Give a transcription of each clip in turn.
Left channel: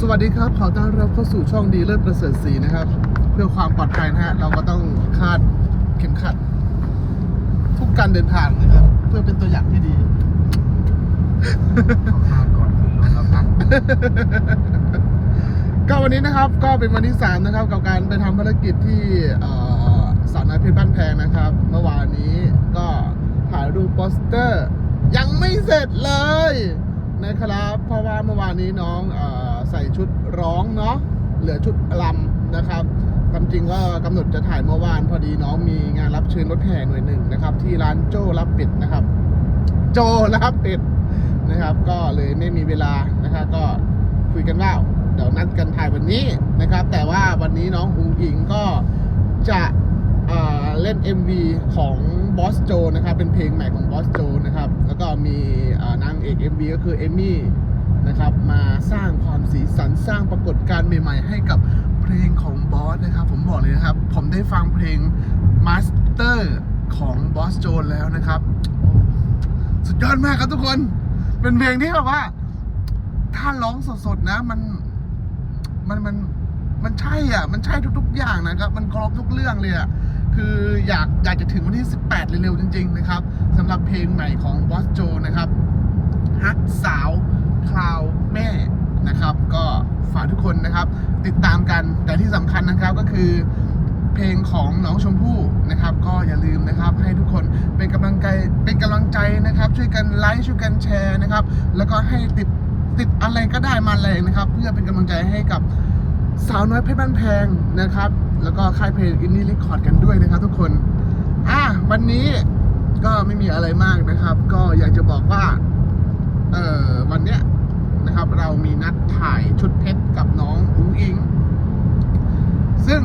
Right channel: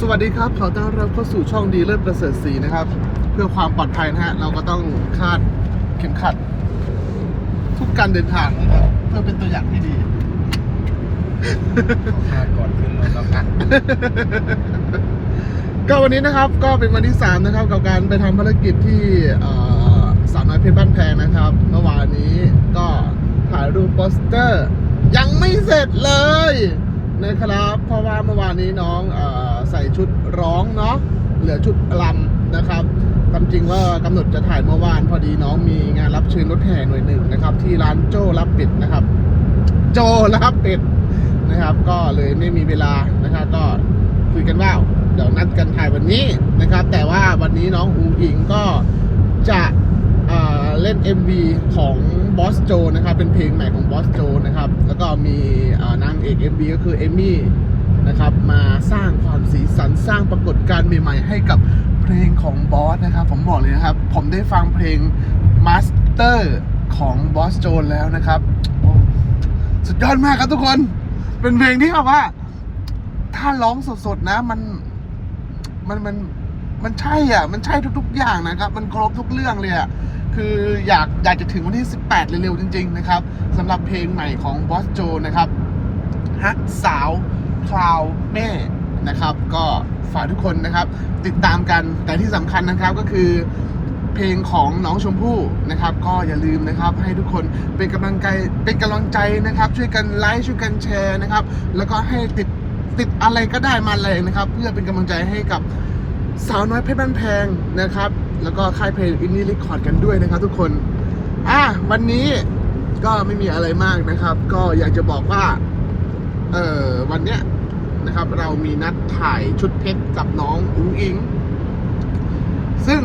สวัสดีครับ ขอต้อนรับเข้าสู่ช่องดีเลิศประเสริฐศรีนะครับ เพื่อความปลอดภัยนะฮะ เราก็ต้องคาดเข็มขัด ทุกการเดินทางนะครับ เพื่อเป็นตัวอย่างที่ดี ต้องคาดก่อนขึ้นรถแล้วกันก็วันนี้นะครับก็เป็นวันที่ 3 นะครับ กับการไปทำภารกิจที่เอ่อสาวน้อยเพชรบ้านแพงนะครับ เมื่อวานนี้ก็ถ่ายรูปโปสเตอร์ ยังไม่เสร็จเลยนะครับ เพราะว่าเมื่อวานนี้น้องเออใส่ ชุดร้องเนาะเหลือชุดกลัมนะครับความจริงว่ากำหนดจะถ่ายเมื่อวานพอดีน้องมีงานรับเชิญรถแห่หน่วยหนึ่งนะครับ ที่ร้านโจ้รับปิดนะครับ โจรับปิดนะครับ ก็เลยไม่มีเวลา ของบอสนะครับ ผมบอกเลยนะครับ ผมได้ฟังเพลง Master ของบอสโจนแล้วนะครับ สุดยอดมากครับทุกคน เป็นเพลงที่แบบว่า ถ้าร้องสดๆนะมันมันมันมันใช่อะ มันใช่ทุก ๆ อย่างนะครับ มันครบทุกเรื่องเลยอะ คืออยากอยากจะถึงวันที่ 18 เร็วๆ จริง ๆ นะครับสำหรับเพลงใหม่ของบอสโจนะครับฮักสาวคลาวแม่นะครับ ทุกคนนะครับ ติดตามกันแต่ที่สำคัญนะครับก็คือเพลงของน้องชมพู่นะครับ ก็อย่าลืมนะครับ ให้ทุกคนเป็นกำลังใจเป็นกำลังใจนะครับ ช่วยกันไลค์ช่วยกันแชร์นะครับ แล้วก็ให้ติดติดอะไรก็ได้มาเลยนะครับ เพื่อเป็นกำลังใจให้กับสาวน้อยเพชรบ้านแพงนะครับ แล้วก็ค่ายเพลงอินนี่รคคอร์ดกันด้วยนะครับ ทุกคนอะวันนี้ก็ไม่มีอะไรมากนะครับ ก็อยากจะบอกว่า เออวันเนี้ย นะครับ เรามีนัดถ่ายชุดเพชรกับน้องอุ้งอิง ซึ่ง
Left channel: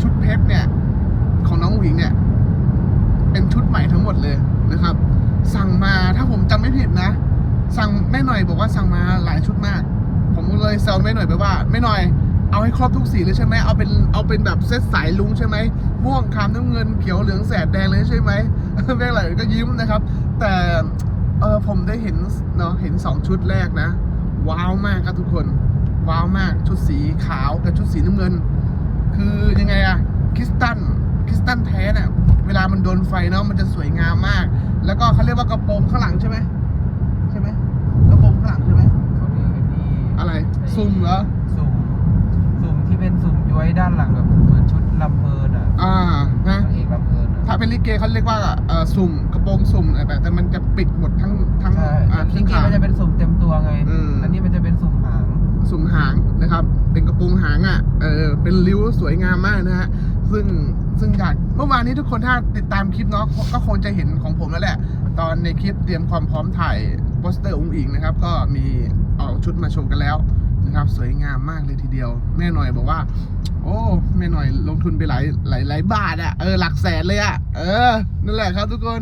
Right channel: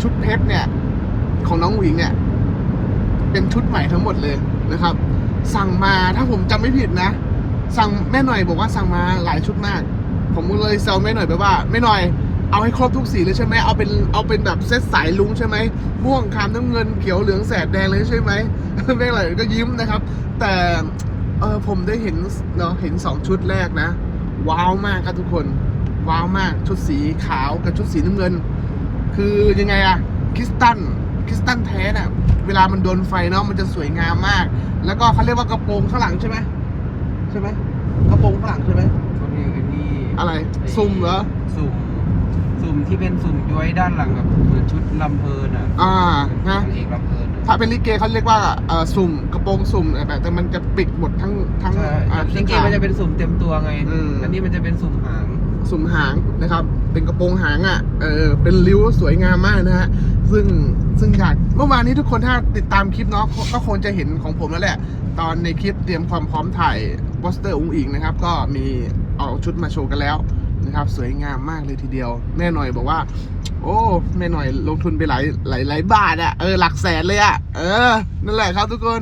ชุดเพชรเนี่ย ของน้องหวิงเนี่ย เป็นชุดใหม่ทั้งหมดเลยนะครับ สั่งมาถ้าผมจำไม่ผิดนะ สั่งแม่หน่อยบอกว่าสั่งมาหลายชุดมาก ผมก็เลยแซวแม่หน่อยไปว่าแม่หน่อยเอาให้ครบทุกสีเลยใช่ไหมเอาเป็นเอาเป็นแบบเซตสายลุงใช่ไหมม่วงคามน้ำเงินเขียวเหลืองแสดแดงเลยใช่ไหมแม่หน่อยก็ยิ้มนะครับ แต่ ออผมได้เห็นเนาะเห็นสองชุดแรกนะ ว้าวมากครับทุกคน ว้าวมากชุดสีขาวกับชุดสีน้ำเงิน คือยังไงอะคริสตัลคริสตัลแท้น่ะเวลามันโดนไฟเนาะมันจะสวยงามมาก แล้วก็เขาเรียกว่ากระโปรงข้างหลังใช่ไหมใช่ไหมกระโปรงข้างหลังใช่ไหมเขาเรียกกันนี่อะไรซุ่มเหรอสุ่มสุ่มที่เป็นสุ่มย้อยด้านหลังครับเหมือนชุดลำเพลินอะอ่านะนางเอกลำเพลินอะถ้าเป็นลิเกเขาเรียกว่าเอ่อสุ่มกระ โปรงสุ่มแบบแต่มันจะปิดหมดทั้งทั้งใช่ อ่าจริงๆมันจะเป็นสุ่มเต็มตัวไง อืม อันนี้มันจะเป็นสุ่มหาง สุ่มหางนะครับ เป็นกระโปรงหางอะ เออ เป็นริ้วสวยงามมากนะฮะ ซึ่งซึ่งอยากเมื่อวานนี้ทุกคนถ้าติดตามคลิปเนาะก็คงจะเห็นของผมแล้วแหละ ตอนในคลิปเตรียมความพร้อมถ่ายโปสเตอร์อุ้งอิงนะครับ ก็มีเอาชุดมาโชว์กันแล้ว นะครับ สวยงามมากเลยทีเดียว แม่หน่อยบอกว่า โอ้แม่หน่อยลงทุนไปหลายหลายหลายบาทอะเออหลักแสนเลยอะเออนั่นแหละครับทุกคน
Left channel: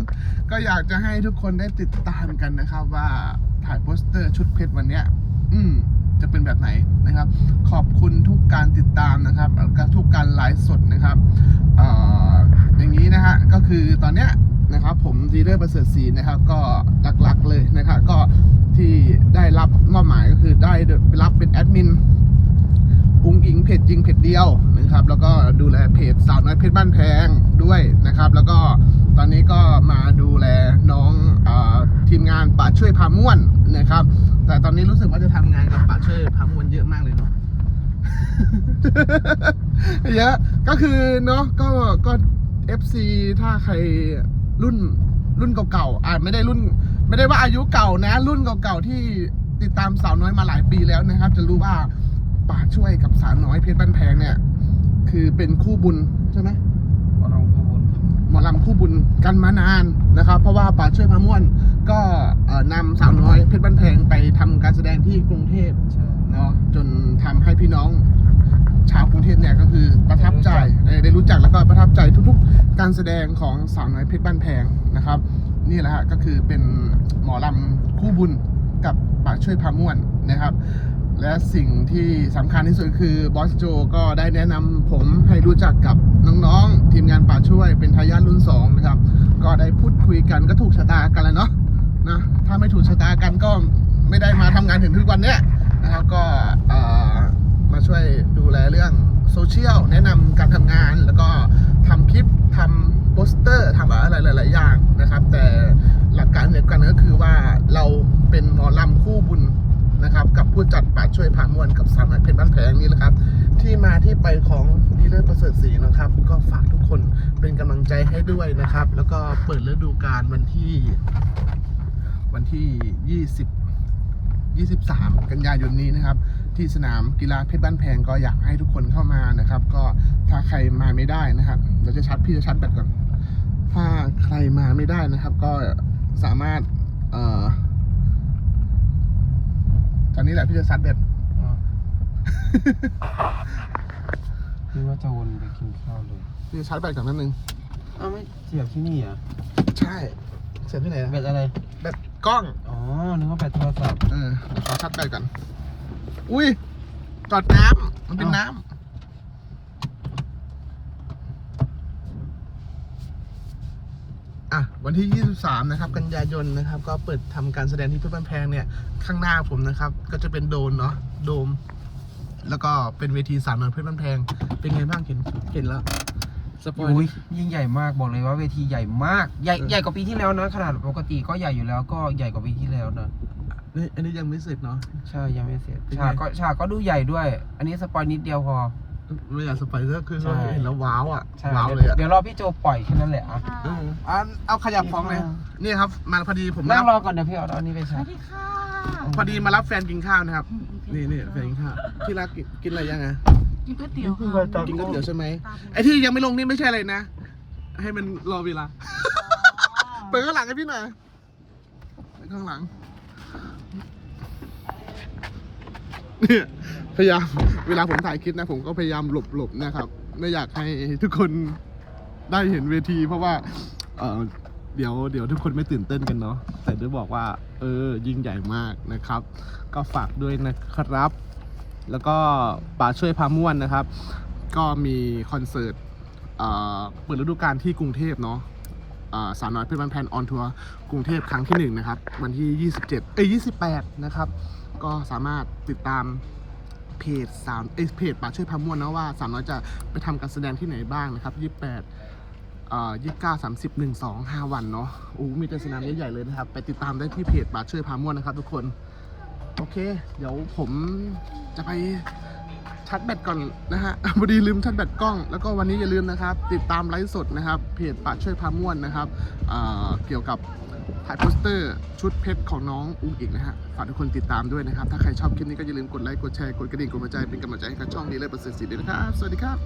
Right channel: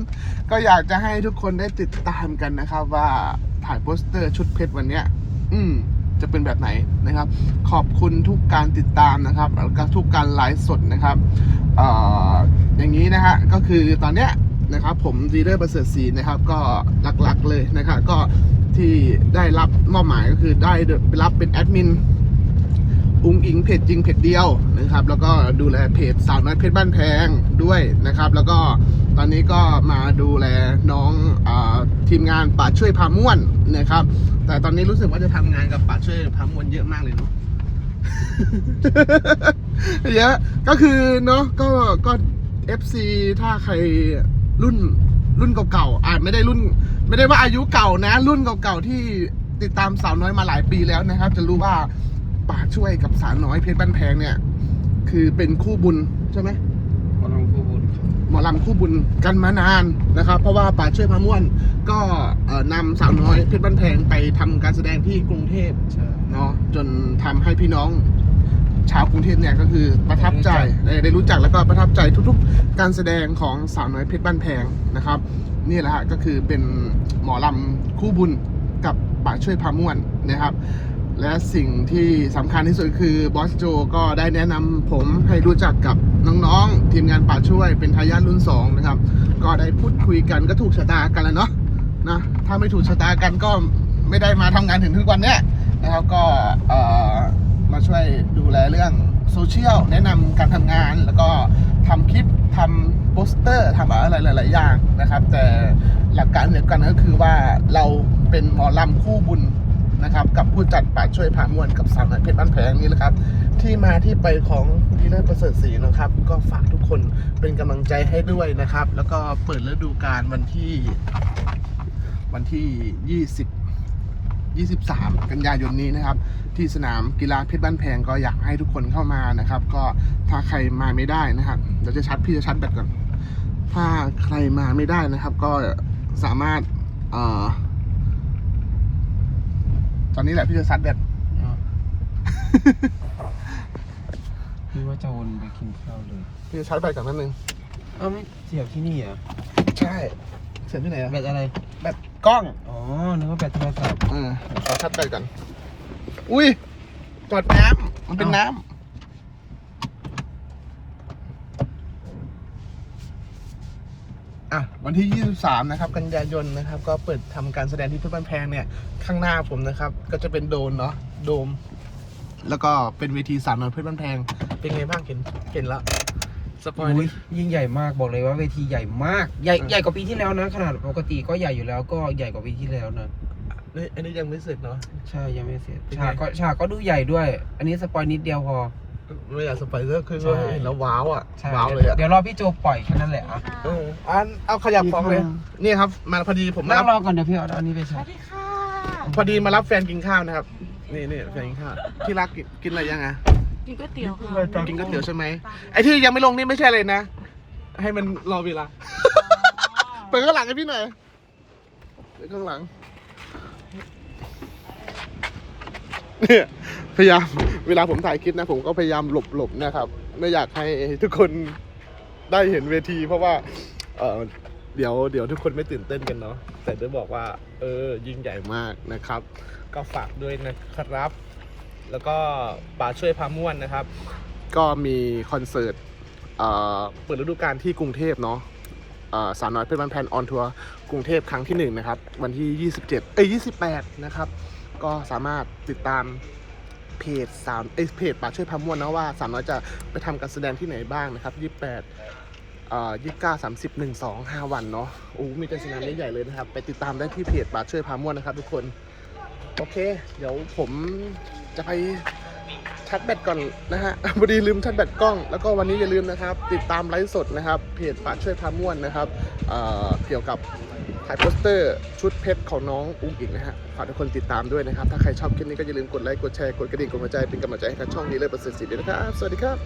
ก็อยากจะให้ทุกคนได้ติดตามกันนะครับ ว่าถ่ายโปสเตอร์ชุดเพชรวันเนี้ย อืมจะเป็นแบบไหนนะครับ ขอบคุณทุกการติดตามนะครับแล้วก็ทุกการไลฟ์สดนะครับเอ่ออย่างนี้นะฮะก็คือตอนเนี้ยนะครับผมดีเดอร์ประเสริฐศรีนะครับ ก็หลักๆเลยนะครับก็ ที่ได้รับมอบหมายก็คือได้รับเป็นแอดมินอุ้งอิงเพจจริงเพจเดียวนะครับ แล้วก็ดูแลเพจสาวน้อยเพชรบ้านแพงด้วยนะครับ แล้วก็ตอนนี้ก็มาดูแลน้องอทีมงานป่าช่วยพาม่วนนะครับ แต่ตอนนี้รู้สึกว่าจะทำงานกับป่าช่วยพาม่วนเยอะมากเลยเนาะเยอะก็คือเนาะก็ก็ FC ถ้าใครรุ่นรุ่นเก่าๆอ่าไม่ได้รุ่น ไม่ได้ว่าอายุเก่านะ รุ่นเก่าๆที่ติดตามสาวน้อยมาหลายปีแล้วนะครับ จะรู้ว่าป่าช่วยกับสาวน้อยเพชรบ้านแพงเนี่ย คือเป็นคู่บุญใช่ไหมขอลงคู่บุญครับหมอลำคู่บุญกันมานานนะครับ เพราะว่าป่าช่วยพาม่วน ก็เอ่อนำสาวน้อยเพชรบ้านแพงไปทำการแสดงที่กรุงเทพใช่เนาะจนทำให้พี่น้องชาวกรุงเทพเนี่ยก็คือประทับใจได้ได้รู้จักแล้วก็ประทับใจทุกๆ การแสดงของสาวน้อยเพชรบ้านแพงนะครับ นี่แหละฮะก็คือเป็นหมอลำคู่บุญกับป่าช่วยพาม่วนนะครับ และสิ่งที่สำคัญที่สุดคือบอสโจก็ได้แนะนำผมให้รู้จักกับน้องๆ ทีมงานป่าช่วยเป็นทายาทรุ่น2นะครับ ก็ได้พูดคุยกันก็ถูกชะตากันแล้วเนาะนะถ้าไม่ถูกชะตากันก็ไม่ได้มาทำงานถึงทุกวันเนี้ยนะครับก็มาช่วยดูแลเรื่องโซเชียลแนะนำการทำงานแล้วก็ทำคลิปทำ สเตอร์ทำอะไรหลาย ๆ อย่างนะครับ แต่หลักการเดียวกันก็คือว่าเราเป็นหมอลำคู่บุญนะครับกับผู้จัดป่าช่วยพามวลกับสามเพชรบ้านแพงนี่แหละครับ ที่มาที่ไปของดีลเลอร์ประเสริฐศรีนะครับ ก็ฝากทุกคนเป็นกำลังใจให้ด้วยนะครับ แล้วก็เปิดฤดูกาลวันที่ วันที่ 20 23 กันยายนนี้นะครับ ที่สนามกีฬาเพชรบ้านแพงก็อยากให้ทุกคนเข้ามานะครับ ก็ถ้าใครมาไม่ได้นะครับเดี๋ยวจะชัดพี่จะชัดแบตก่อน ถ้าใครมาไม่ได้นะครับ ก็สามารถเอ่อตอนนี้แหละพี่จะชัดแบตคิดว่าจะวนไปกินข้าวเลยพี่จะชัดแบตก่อนนิดนึง เอ้าไม่เสียบที่นี่เหรอะใช่ เสียบที่ไหนอะแบตอะไร แบตกล้อง อ๋อ นึกว่าแบตโทรศัพท์ เออเดี๋ยวขอชัดแบตก่อน อุ้ยจอดน้ำมันเป็นน้ำ อะวันที่ 23 นะครับ กันยายนนะครับ ก็เปิดทำการแสดงที่เพชรบ้านแพงเนี่ย ข้างหน้าผมนะครับ ก็จะเป็นโดนเนาะโดม แล้วก็เป็นเวทีสามน้อยเพชรบ้านแพง เป็นไงบ้างเห็นเห็นแล้วสปอยอุ้ยล์ยิ่งใหญ่มากบอกเลยว่าเวทีใหญ่มากใหญ่ใหญ่กว่าปีที่แล้วนะขนาดปกติก็ใหญ่อยู่แล้วก็ใหญ่กว่าปีที่แล้วนะนี่อันนี้ยังไม่เสร็จเนาะ ใช่ยังไม่เสร็จเป็นไงฉากก็ฉากก็ดูใหญ่ด้วย อันนี้สปอยนิดเดียวพอ ไม่อยากสปอยเลอร์คือใช่เห็นแล้วว้าวอะใช่ว้าวเลยอะเดี๋ยวรอพี่โจปล่อยแค่นั้นแหละอะเอออันเอาขยับฟองเลยอืมนี่ครับ มาพอดีผมมานั่รังบรอก่อนเดี๋ยวพี่เอาอันนี้ไปสใส่วัสดีค่ะพอดีมารับแฟนกินข้าวนะครับ นี่นี่แฟนกินข้าวที่รักกินกินอะไรยังไงกินก๋วยเตี๋ยวค่ะกินก๋วยเตี๋ยวใช่ไหมตาบัวไอ้ที่ยังไม่ลงนี่ไม่ใช่เลยนะ ให้มันรอเวลาเปิดข้างหลังให้พี่หน่อยเปิดข้างหลังเนี่ย พยายามเวลาผมถ่ายคลิปนะ ผมก็พยายามหลบหลบนะครับ ไม่อยากให้ทุกคนได้เห็นเวที เพราะว่า เออเดี๋ยวเดี๋ยวทุกคนไม่ตื่นเต้นกันเนาะแต่จะบอกว่า เออ ยิ่งใหญ่มากนะครับ ก็ฝากด้วยนะครับ แล้วก็ป่าช่วยพาม่วนนะครับ ก็มีคอนเสิร์ตเปิดฤดูกาลที่กรุงเทพเนาะสาวน้อยเพชรบ้านแพนออนทัวร์กรุงเทพครั้งที่หนึ่งนะครับ วันที่ 27 เอ้ย 28 นะครับ ก็สามารถติดตาม เพจสาวเอยเพจป่าช่วยพาม่วนนะว่าสาวน้อยจะไปทำการแสดงที่ไหนบ้างนะครับ28เอ่อ29 30 1 2 5วันเนาะโอ้มีการแสดงใหญ่ๆเลยนะครับ ไปติดตามได้ที่เพจป่าช่วยพาม่วนนะครับ ทุกคนโอเค เดี๋ยวผมจะไปชัดแบตก่อนนะฮะพอดีลืมชัดแบตกล้อง แล้วก็วันนี้อย่าลืมนะครับ ติดตามไลฟ์สดนะครับ เพจป่าช่วยพาม่วนนะครับเอ่อเกี่ยวกับ ถ่ายโปสเตอร์ชุดเพชรของน้องอุ้งอิงนะฮะ ฝากทุกคนติดตามด้วยนะครับ ถ้าใครชอบคลิปนี้ก็อย่าลืมกดไลค์ กดแชร์ กดกระดิ่ง กดหัวใจ เป็นกำลังใจให้กับช่องนี้เลยประเสริฐศรีด้วยนะครับ สวัสดีครับ